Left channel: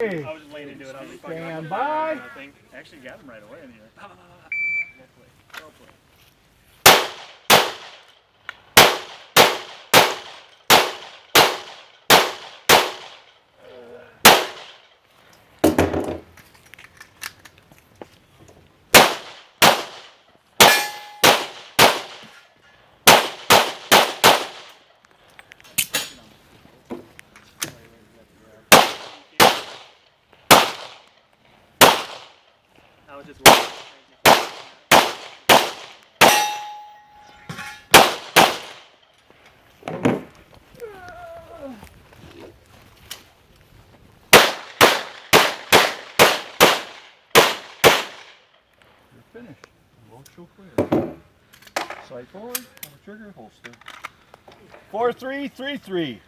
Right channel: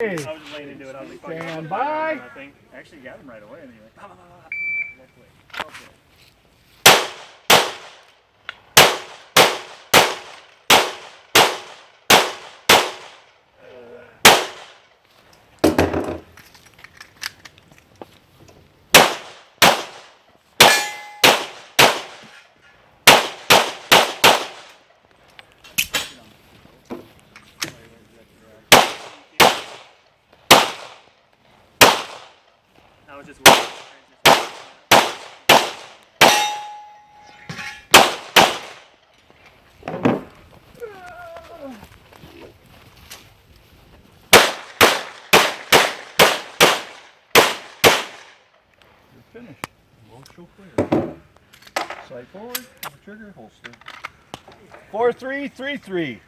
I was just laying into it. I was like, Stand by. I think I actually got him right away. And he went, well played. Well played. I was just waiting. You're finished. Emotional clear. Sight forward, trigger holster. 4-3-3-3.